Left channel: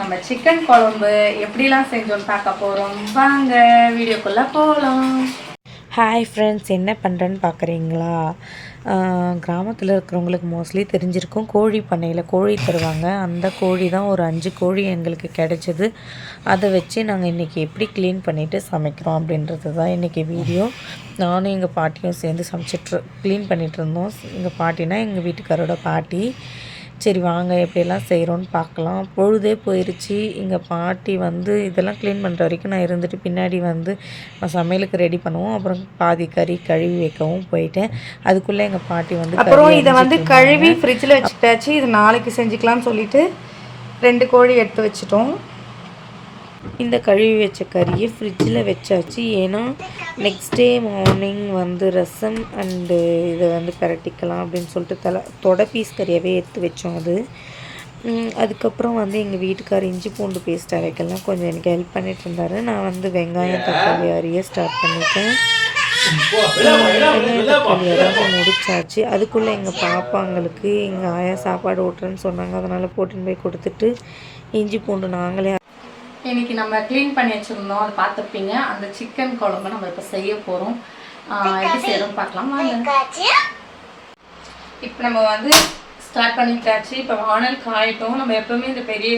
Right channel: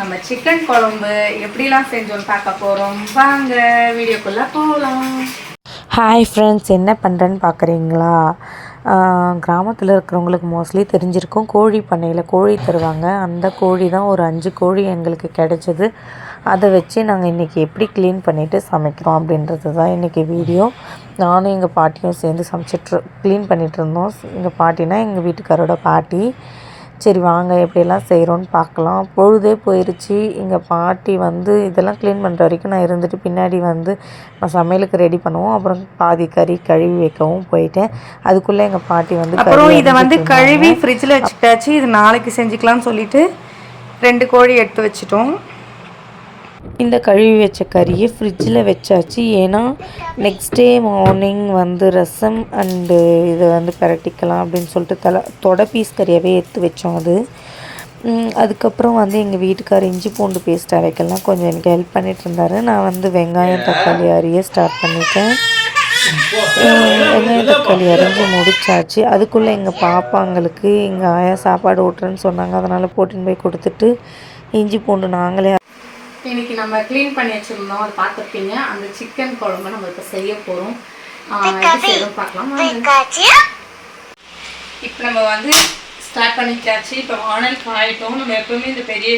நம்ம சிக்கன் குழம்பு எப்படிலாம் செஞ்சோம் பார்க்க போகிறோம் வாங்க வீடியோக்குள்ளே போகலாம் ஹாய் ஃப்ரெண்ட்ஸ் என்ன பண்ணுறேன்னு பார்க்குறீங்களா கிராமத்தில் இருக்கிறவங்களுக்கு மோஸ்ட்லி தெரிஞ்சிருக்கும். கோழி பண்ணையில் கோழி தருவாங்க. அந்த கோழி தான் ஒரு அஞ்சு கோழி எங்களுக்கு கிடைச்சது. அதை வச்சு நாங்கள் இன்றைக்கி எப்படி க்ளீன் பண்ணிவிட்டு சமைக்கிறோம் அப்படின்றது தான் இன்றைக்கி வீடியோ நானும் எங்கள் பாட்டியும் சேர்ந்து சமைச்சிட்டு க்ளீன் பண்ணிகிட்டு இருந்தோம். எங்கள் பாட்டினா எங்கள் வீட்டுக்காரோட பாட்டி. சரி வாங்க எப்படியெல்லாம் செய்கிறோன்னு பார்க்கலாம். பொழுதே போயிருச்சு. எங்கள் பாட்டி வந்து இதெல்லாம் க்ளீன் பண்ணுற வரைக்கும் நான் இருந்துட்டு பின்னாடி வந்து நான் சமையலுக்கு ரெடி பண்ணுவோம். அப்புறம் பாதி கறி கழுவி வைக்கவும் போயிட்டேன். அதுக்குள்ளே எங்கள் பாட்டி வந்து அப்புறம் இதை வந்து கழுவி ஃப்ரிட்ஜில் வச்சுட்டாச்சு. இது நாளைக்கு செஞ்சுக்கலாம்னு சொல்லிட்டு ரெண்டு கோழி எடுத்து வச்சிட்டோம். இந்த கழுவி வச்ச கறியை ஃப்ரிட்ஜில் வச்சாச்சு. ஏன்னா நெக்ஸ்ட் டே மார்னிங் வந்து ரசம் அண்டு இதை வந்து பிரட்டிக்கலாம் அப்படின்னு சொல்லிட்டு தலை தொட பீஸ் கறியாகவே எடுத்து வச்சோம் அது. அதுக்கப்புறம் வந்து எங்கள் வீட்டுக்கார் இஞ்சி பூண்டு பேஸ்ட் அரைக்கலாம். கொஞ்சம் எனக்கு ஹெல்ப் பண்ணிட்டு இருந்தாரு. நான் வந்து வெங்காயம் தக்காளி அரிய ஸ்டார்ட் பண்ணிட்டேன். வெங்காயம் தக்காளி அரைஞ்சி முடிச்சாச்சு. அதுக்குள்ளே எங்கள் பாப்பாங்களுக்கு எங்கள் ஆயா சாப்பாடு ஊட்டுறேன்னு சொன்னாங்க. அதனால் போட்டின்னு போய் கொடுத்துட்டு இஞ்சி பூண்டு நாங்களே இன்னைக்கு நம்ம க்ளீன் பண்ணி வச்சுருந்தோம். அது பார்த்துருப்பீங்க. அந்த சிக்கன் குழம்பு நம்ம இப்போ செய்ய போகிறோம் எப்படி செய்யணும் பார்க்கலாம். இப்போ நம்ம வந்து ஸ்டார்ட் பண்ணிட்டாச்சு. இப்போ வானல் காயிட்டோம். நம்ம எப்பவுமே இந்த பெரிய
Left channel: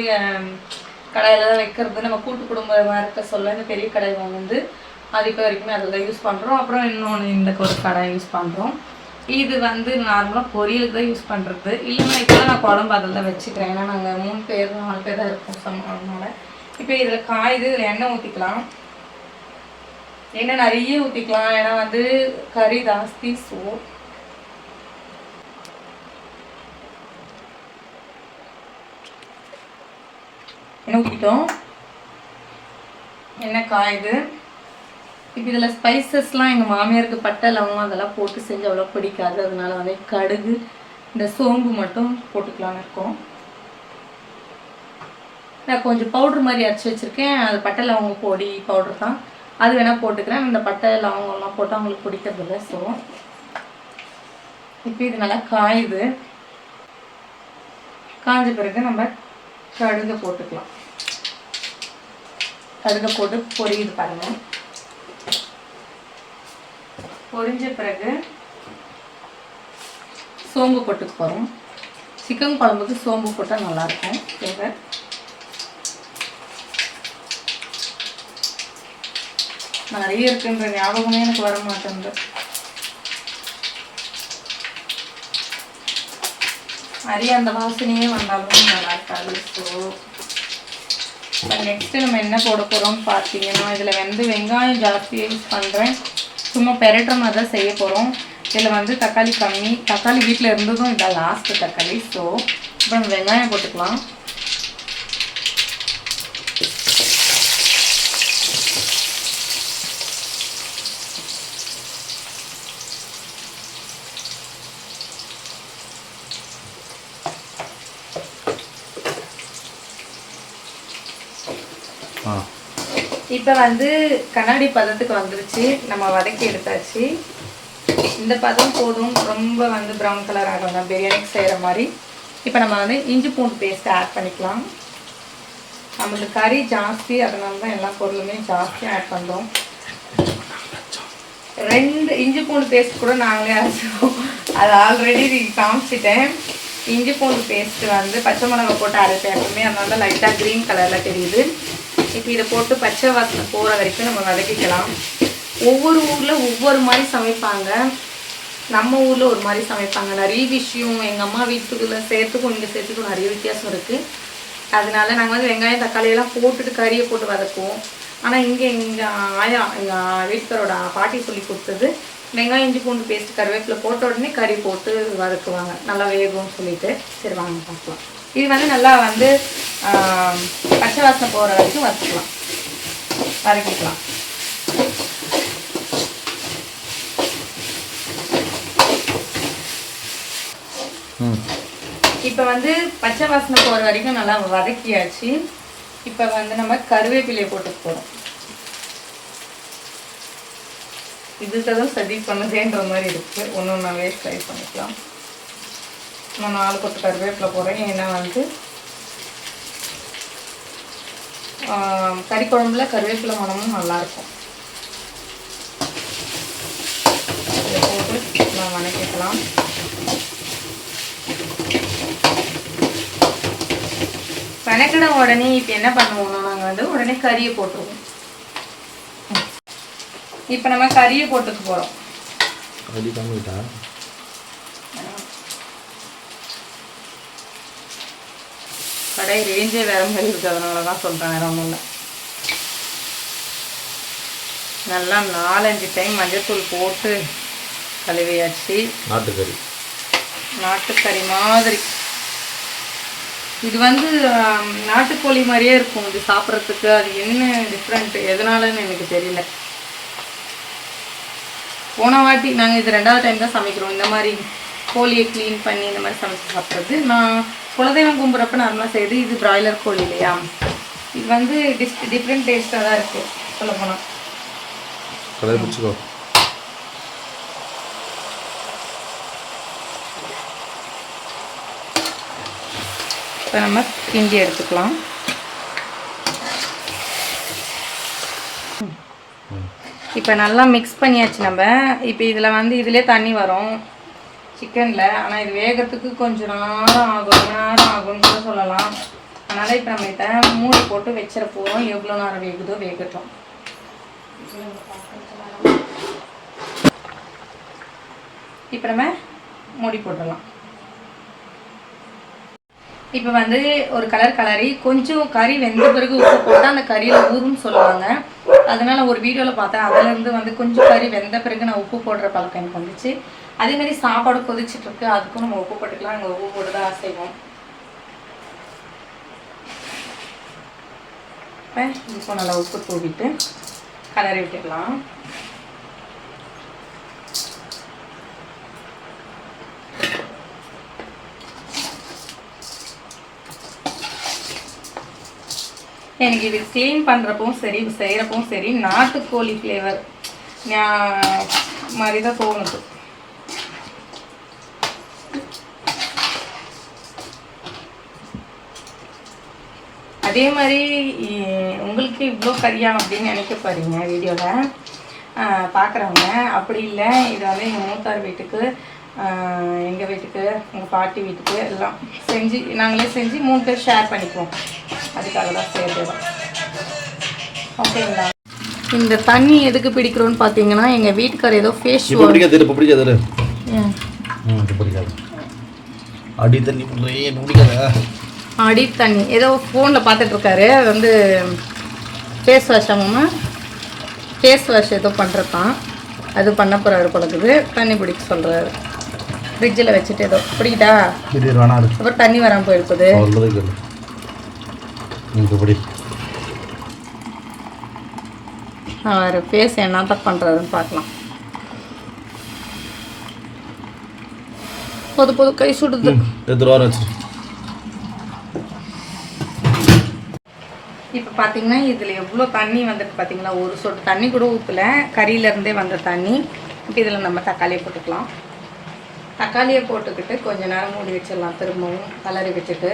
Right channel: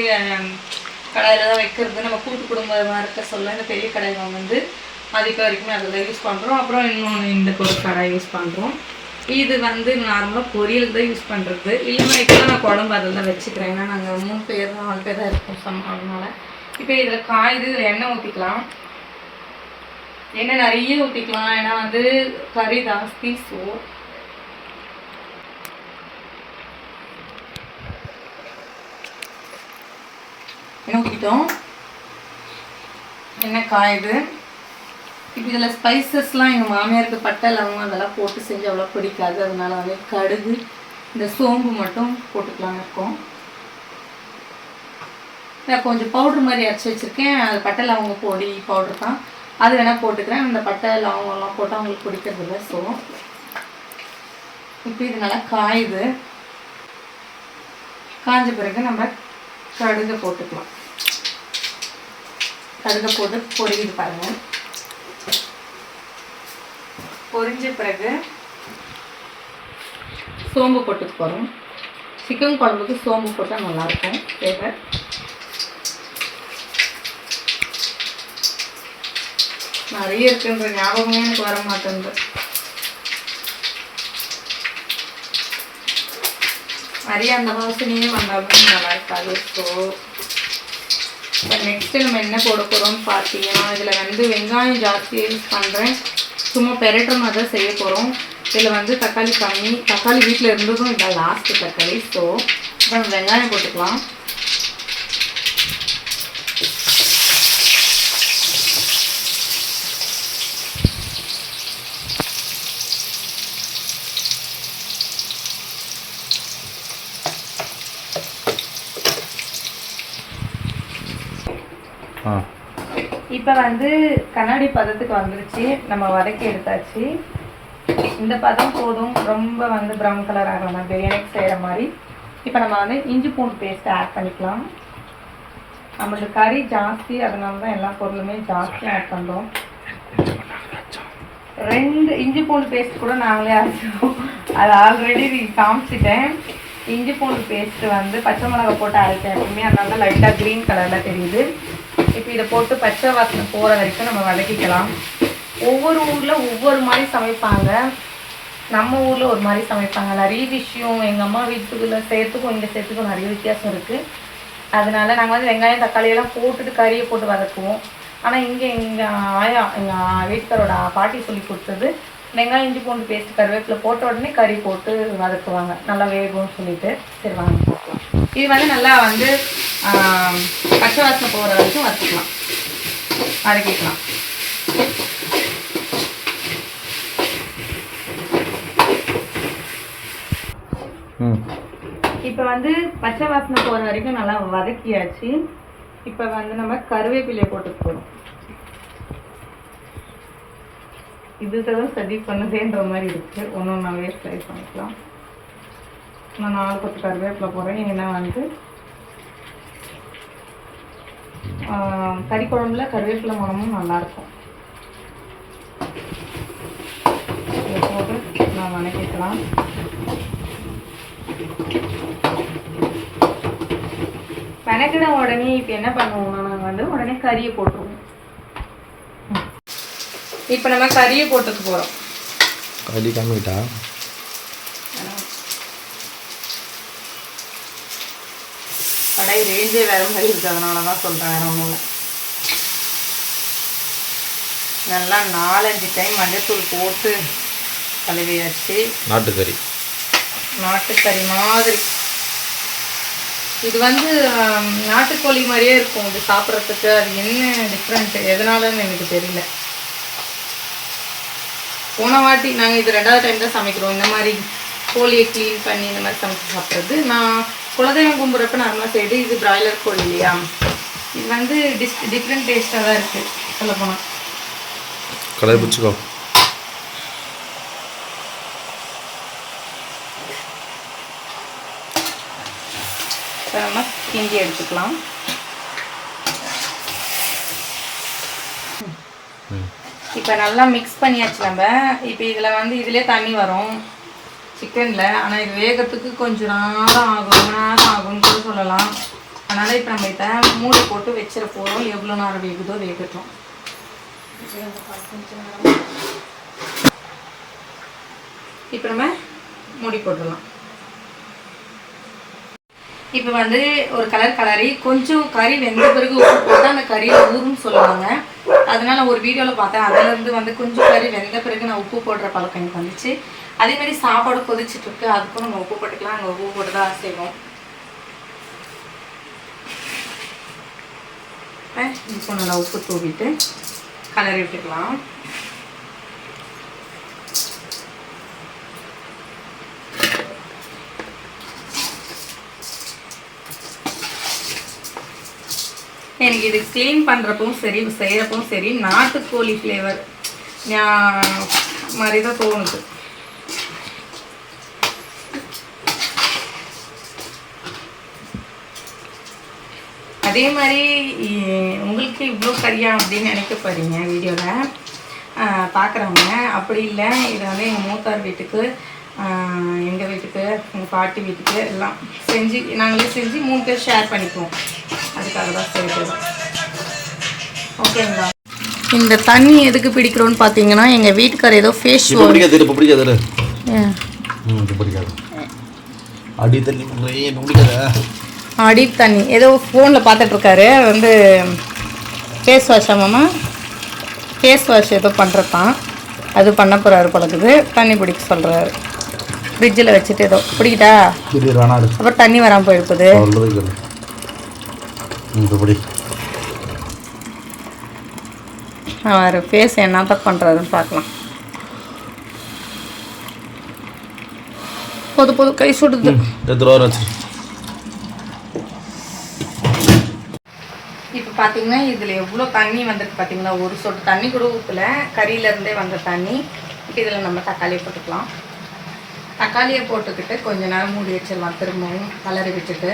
கடாயில் தான் வைக்கிறது. நம்ம கூட்டு குடும்பமாக இருக்க சொல்ல இந்த பெரிய கடாய் வந்து அதுக்கு வரைக்குமே அதில் யூஸ் பண்ணுறோம் அப்புறம் இன்னொன்று இந்த ஒரு கடாய் யூஸ் பண்ணுறோம் இது வந்து நார்மலாக பொரியலுக்கு தான் யூஸ் பண்ணுறது இல்லைன்னா இப்போலாம் நான் குழம்பு அதில் தான் வச்சுக்கிறேன். ஏன்னா நாங்கள் மூணு பேர் நாலு பேர் தான் இருக்கோம் அதனால. இப்போ இதில் காயுது இதில் எண்ணெய் ஊற்றிக்கலாம் எண்ணெய் நிறைய ஊற்றிக்கலாம் ஏன்னா வந்து கறி ஜாஸ்தி ஸோ எண்ணெய் ஊற்றிட்டோம் எண்ணெய் காயுது. இப்போ இதில் ஸ்பைசஸ்லாம் எங்கள் மாமியாருக்கு பட்டை லவங்கம் அதெல்லாம் போட்டு செஞ்சு அவ்வளோ பிடிக்காது. அதனால வந்து கடுகு இந்த சோம்பு மட்டும் போட்டுக்கலாம்னு இருக்கோம். நான் கொஞ்சம் பவுட்ரு மாதிரி அரைச்சி வச்சுருக்கேன். அது பட்டை லவங்க பொடி பவுட்ரு தான். அது வேணால் போட்டுக்கிறேன். அந்த பட்டை லவங்கம்லாம் போட்டால் அவங்களுக்கு பிடிக்கிறது இல்லை. ஸோ இப்போ இது நல்லா காயுது. காஞ்ச பிறகு நம்ம கடுகை போட்டுக்கலாம். கடுகை போட்டு பொரியுது பாருங்கள் பொரிஞ்ச பிறகு சோம்பு போட்டுக்கு போகிறோம் சிக்கன் குழம்புக்கு சோம்பு போட்டால் நல்லாயிருக்கும் ஃப்ளேவர் நிறைய இருக்குன்ற ஞாபகமே எனக்கு வர மாட்டேங்குது நிறைய அந்த வாசனையே வந்தாலும் நல்லா இருக்காது. ஸோ நெக்ஸ்ட் நம்ம என்ன போட போகிறோம்னு பார்த்தீங்கன்னா இதில் வந்து வெங்காயம் ஜாஸ்தி யூஸ் பண்ணுறேன் சும்மா பெரட்டுற மாதிரி தான் செய்ய போகிறோம் இதில் வந்து தக்காளி கம்மி தக்காளி வீட்டில் இருந்ததும் இதான் லாஸ்ட்டு தக்காளி. ஸோ இப்போ நம்ம வெங்காயம் போட்டுக்கலாம். இப்போ வந்து கண்ணாடி பதத்துக்கு வந்துருச்சு. நம்ம வதக்கி எடுத்தாச்சு. இந்த பதம் போதும். ரொம்ப வந்து ப்ரௌன் கலர் ஆகாம பிரியாணிக்கு செய்கிற மாதிரி. இப்போ நம்ம வந்து இஞ்சி பூண்டு பேஸ்ட் ஆட் பண்ணிக்கலாம். நம்மளுக்கு கறி ஜாஸ்தி. அதனால தான் எல்லா பொருளுமே ஜாஸ்தி ஆட் பண்ணுறோம் ரெண்டு இஞ்சி பூண்டு பேஸ்ட் கூட நாங்களே அரைச்சிடுவோம் அது ஆல்ரெடி காமிச்சிட்டேன். இஞ்சி பூண்டு பேஸ்ட்டு வந்து பச்சை மிளகாய் போட்டு அரைச்சேன் எப்பவுமே அதனால தான் லைட்டாக க்ரீன் கலரில் தெரியுது. இப்போ இதை போட்டு பச்சை வாசனை போகிற வரைக்கும் நம்ம வதக்கிக்கலாம். ஒவ்வொரு ஊரில் ஒவ்வொரு மாதிரி சமைப்பாங்க. நம்ம ஊரில் ஒரு மாதிரி சமைப்பாங்க. நிறைய விஷயம் எங்கள் அம்மா வீட்டுக்குள்ளே சேர்த்துக்கும் இங்கே சேர்த்துக்கும் நிறைய வித்தியாசம் இருக்குது அதனால நாங்கள் வந்து வெங்காயம் தக்காளியெல்லாம் போட்டுட்டு கறியை போட்டு வதக்குவோம். ஆனால் இங்கே எங்கள் ஆயா எங்கள் வீட்டுக்காரோட பாட்டி சொல்லி கொடுத்தது வெங்காயம் இஞ்சி பூண்டு பேஸ்ட் கருவேப்பிலை போட்ட உடனே கறி போட்டு வதக்குவாங்க. நல்லா வேகும்னு சொல்லிட்டு சரி வாங்க பார்க்கலாம். இது வந்து நல்லா வந்து பச்சை வாசனை போகிற வரைக்கும் வதக்கலாம். வதக்கிக்கலாம். இப்போ வந்து பச்சை வாசனை போகிற வரைக்கும் நல்லா வதக்கியாச்சு. இப்போ வந்து நம்ம கருவேப்பிலையை போட்டு போகிறோம் இதுதான் சதி பண்ணதேன்ற மாதிரி இருக்குது ஒன்று ஒன்றாவே ட்ரை பண்ணிக்கலாம். நான் நாலு பத்து கருவேப்பிலை போடுறேன். ஏன்னா வந்து கறிக்குழம்புல கறி குழம்புல கருவேப்பிலை மனமும் நல்லாயிருக்கும் இதை போட்டு நான் வணக்கிக்கலாம். வணக்கிட உடனே இப்போ என்ன பண்ணுவோம்னா நாங்கள் வந்து உடனே கறியை போட்டுருவோம். இப்போ நம்ம கறியை போட்டுக்க போகிறோம் கறி கம்மிட்டா? கடை ரேஞ்சே வேற மாதிரி இருக்கு அதனால தான் சொல்கிறேன் வேற ஒன்றும் இல்லை. நல்லா நாலஞ்சு டைம் மஞ்சத்தூள் போட்டு கழுவியாச்சு. நாட்டுக்கறி. நாட்டுக்கறி மாதிரி. இது வந்து நாட்டுக்கோழி மாதிரியே இருக்கும் இது சாப்பிட்றதுக்கு. அது என்ன டிஃப்ரெண்ட் எதனாலன்னு எனக்கு தெரியல. போன வாட்டி நாங்கள் இது ரெண்டாவது டைம் தான் சமைக்கிறோம். இந்த மாதிரி கோழியை க்ளீன் பண்ணி இந்த மாதிரி சமைச்சு சாப்பிட்றது. நான் குலதெய்வம் கும்பிட்றப்ப நார்மலாக செய்யுது இது பிராய்லர் கோழி இல்லையா? இது வந்து டிஸ் டிஃப்ரெண்ட் டேஸ்ட்டாக தான் இருக்குது சொல்லப்போனால் கடாய் பிடிச்சிக்கோ. இப்போ நம்ம கிண்டி எடுத்துக்கலாம். இப்போ நல்லா மிக்ஸ் பண்ணியாச்சு நம்ம. இப்போ இதில் வந்து இதிலே தண்ணி வரும். சிக்கனில் ஆனால் இது வேகத்துக்கு கொஞ்சம் நேரம் ஆகும். நேரம் ஆகும்னு கூட சொல்லலாம். அதனால் இப்போ நம்ம இதை மூடி போட்டு வச்சிட போகிறோம் எவ்வளோ நேரம் வேகுதோ வேகட்டும். இப்போ நம்ம மூடி போட்டுடலாம். இப்போ வந்து ஒரு கலர் கலரி கொஞ்சம் கறி வெந்த பிறகு உப்பு போட்டு அந்த கறியில் ஊறுன்னு சொல்லுவாங்க. அதனால ஒரு வீடியோவில் பார்த்தேன். அதுலேருந்து வந்து கொஞ்சம் கறி வெந்த பிறகு நான் உப்பு போடுற பழக்கம் எனக்கு வந்துச்சு. அதே மாதிரி சாப்பாடு கொதிச்சுட்டு இருக்கு. அதுக்கும் நம்ம உப்பு போட்டுக்கலாம். அங்கே உப்பு போட்டு தான் செய்வோம். இப்போ நல்லா உப்பு தூவிட்டு கலரி விட்டுக்கலாம். எனக்கு இது க்ளீன் பண்ணுறப்பவும் சரி செய்கிறப்பவும் சரி நாட்டுக்கோழி ஃப்ளேவர் மாதிரி தான் தோணுது. அதே மாதிரி உங்களுக்கு இவ்வளோ கரியா அப்படின்னு நினைக்க போகிறீங்க வீடியோவில் பார்க்குறவங்க அப்படி இல்லை இதாவது எங்கள் மூத்தார் வீட்டுக்கு எங்கள் வீட்டுக்கு எங்கள் பாட்டி வீட்டுக்கு எல்லாம் செஞ்சு நாங்களே செஞ்சு மூணு பேர் ஷேர் பண்ணிக்குவோம். அதுக்காக தான் செய்கிறது ஓகேங்களா? இந்த தண்ணி எதுக்கு பிடிக்கிறோன்னு பார்த்தீங்கன்னா எங்கள் வீட்டுக்கார் ஏதோ ஃபேஸ் பிடிக்காது இப்போ பிடிக்காது ம் இப்போ பிடிக்காது. அடி தண்ணி பண்ணுறே பிடிக்காதா? அடி தண்ணி. ஏதோ ஃபோனில் பார்த்துட்ருக்காரு வந்து ஃபேஸ் வாஷ் ஆமாம்மா ஃபேஸ் வாஷ் ஏதோ பண்ணுறதான் அது பண்ண போகிறாரு பழகுது தண்ணி பிடிக்க சொல்கிறாரு ஃப்ரிட்ஜில் வச்சுட்டு ஏதோ. பிடிக்கிட்டா அப்புறம் தண்ணி வராமல் போயிருக்குது. சொல்றது கேளு ம், இப்போ பிடி. அவர் ஃபேஸ் என்ன தான் பண்ணுறாருன்னு பார்க்கலாம். பொது பொது கை சுடுது. இப்போ பார்த்தீங்கன்னா இதில் எவ்வளோ தண்ணி வந்திருக்கு பார்த்தீங்களா ஒரு சொட்டு தண்ணி கூட ஊற்றல கறியிலேருந்தே வந்த தண்ணி. இப்போ இதில் நம்ம தக்காளியை போட்டுக்கலாம். தக்காளியை போட்டுக்கிட்டு கொஞ்ச நேரம் மூடி வச்சிடலாம். திரும்பவும் கலரி வச்சுட்டு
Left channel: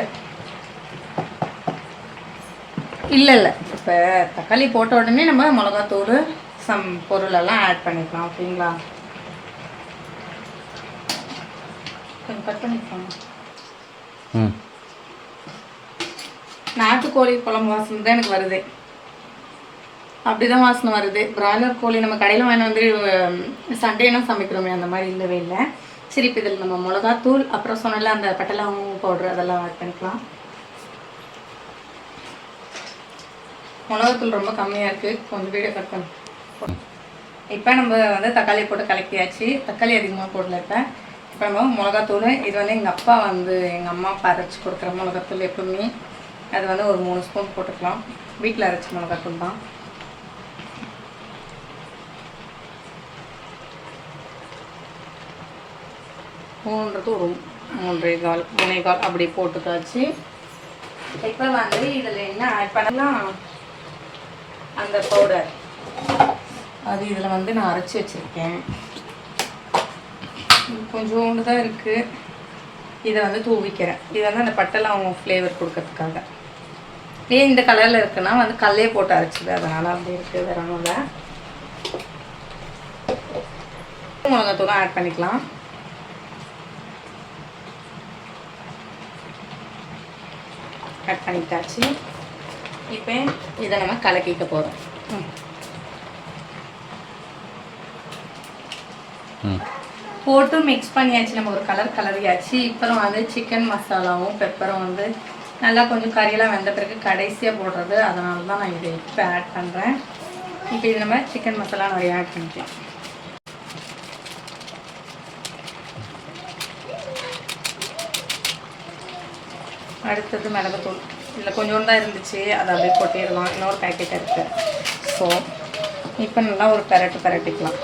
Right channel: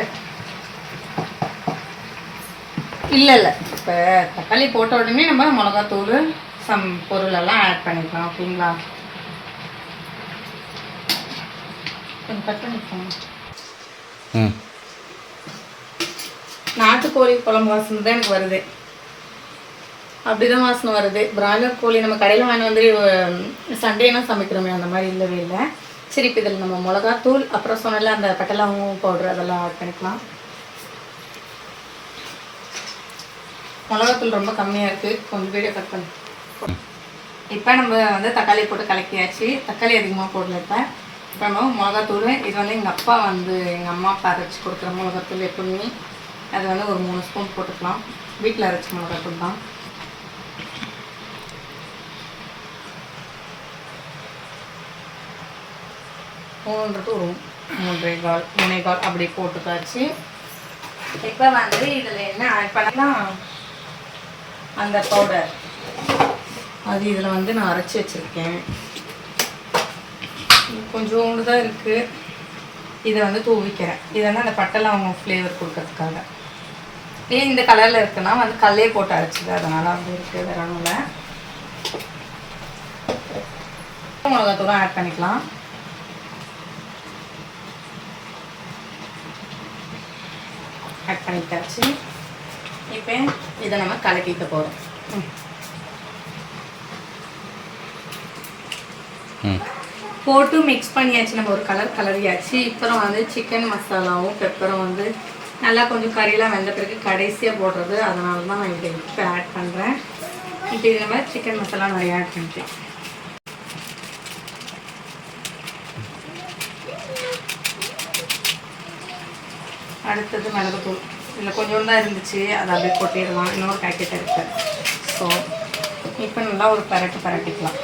இல்லை இல்லை. இப்போ தக்காளி போட்ட உடனே நம்ம மிளகாத்தூள் சம் பொருளெல்லாம் ஆட் பண்ணிக்கலாம் ஓகேங்களா? கொஞ்சம் கட் பண்ணிக்கலாம் நாட்டுக்கோழி குழம்பு வாசனை தான் எனக்கு வருது. அப்படிதான் வாசனை வருது. பிராய்லர் கோழி நம்ம கடையில் வாங்கி வந்து சண்டேனா சமைக்கிறோமே அந்த மாதிரி இல்லவே இல்லை. சரி இப்போ இதில் நம்ம மிளகாத்தூள் அப்புறம் சொன்னல அந்த பட்டலவங்கம் பவுடர் அதெல்லாம் ஆட் பண்ணிக்கலாம். மிளகாத்தூள் ரொம்ப கம்மியாக இருக்குது கொஞ்சம் வீடியோ கட் பண்ணி. இப்போ நம்ம வந்து தக்காளி போட்டு கலக்கியாச்சு. தக்காளி அதிகமாக போடல இப்போ. இப்போ நம்ம மிளகாத்தூள் இது வந்து எங்கள் அப்பா வந்து எங்கள் அம்மா அப்பா அரைச்சி கொடுக்குற மிளகாத்தூள் எப்பவுமே. அது வந்து ஒரு மூணு ஸ்பூன் போட்டுக்கலாம். வீட்டில் அரைச்ச மிளகாத்தூள் தான். மூணுன்றது ஒரு மூன்றே கால் மூணே கால் அப்படி போட்டுக்காச்சு. இப்போ வந்து இதில் என்ன ஆட் பண்ணலாம் அந்த பவுடர் அது இதில் வந்து நான் அரைச்சி வச்சுருக்கேன். கொஞ்சோண்டு தான் இருக்குது இதை வந்து தூவிக்கிறேன். இதை வந்து அந்த பட்டெல்லாம் அவங்க ஃப்ளேவர் கொடுக்கறதுக்காக. ஏன் இந்த கலரில் இருக்குன்னா வந்து கல்லே போட்டு அரைச்சிது. அதனால் அப்படி இருக்குது வேற ஒன்றும் இல்லை. மிளகாத்தூளும் ஆட் பண்ணிக்கலாம். ஆட் பண்ணிட்டாச்சு. இப்போ இதை நம்ம கலக்கிக்க போகிறோம் போட்டு மிக்ஸ் பண்ணியாச்சு. நம்ம ஒரு கலர் கலரியாச்சு இப்போ வந்து சிக்கன் மசாலாவும் பெப்பரும் வந்து நல்லா கொஞ்சம் கறியெல்லாம் வெந்த பிறகு கடைசியாக போடுறது. அதனால தான் நான் இதை இப்போ ஆட் பண்ணுறேன் இப்போ இது நம்ம சிக்கன் மசாலா நிறைய ஆட் பண்ணிட்டேன் அடுத்தது மிளகுத்தூள். இதில் கொஞ்சோண்டு தான் இருந்துச்சு. அதை அப்படியே கொட்டிடலாம். இன்னொரு பேக்கெட் இருக்குது ஸோ இப்போ நல்லா ஒரு பரட்டு பரட்டிக்கலாம்.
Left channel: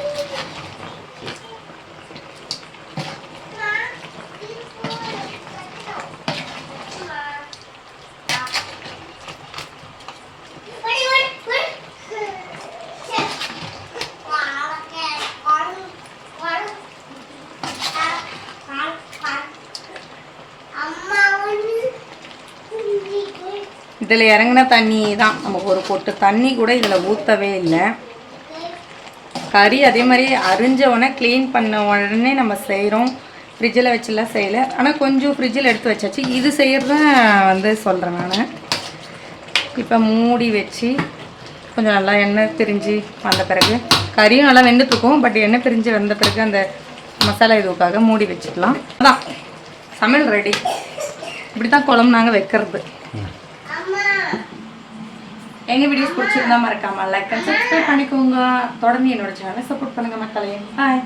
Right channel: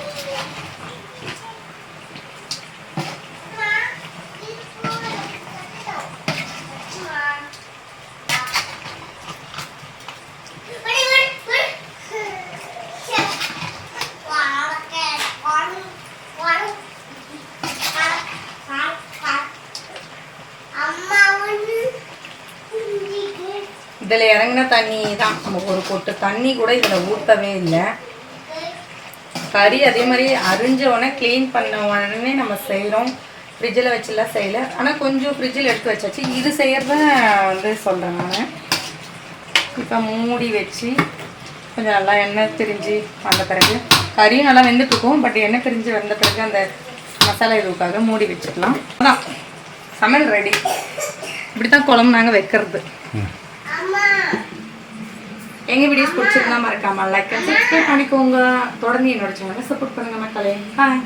இதில் இறங்கின தண்ணி தான். நம்ம ஒரு கொட்டு தண்ணி கூட இதில் ஊற்றவே இல்லை. கறி அதே மாதிரி அரிஞ்சவனே க்ளீன் பண்ண உடனே நம்ம செய்கிறோம். ஃப்ரிட்ஜில் வச்சுலாம் செய்யலை. ஆனால் கொஞ்சம் ஃப்ரிட்ஜில் எடுத்து வச்சாச்சு. இது செய்கிறது வந்து சொல்கிறேன் நான். இப்போ மூடி வச்சு கொஞ்சம் நல்லா எண்ணெய் பிரிஞ்சு வந்த பிறகு கறியும் நல்லா வெந்துட்டுருக்கும் பட் எண்ணெய் பிரிஞ்சு வந்த பிறகு அந்த மசாலா இதுக்காக மூடி வச்சுக்கலாம். அதான் சமையல் ரெடி இப்படி தான் குழம்பு நாங்கள் வைக்கிறது. எங்கள் வீடியோஸ் பிடிச்சிருந்தா மறக்காமல் லைக் அண்ட் சப்ஸ்கிரைப் பண்ணிக்கோங்க. தொடர்ந்து என்னோட சேனலை சப்போர்ட் பண்ணுங்க மக்களே. ஹாய்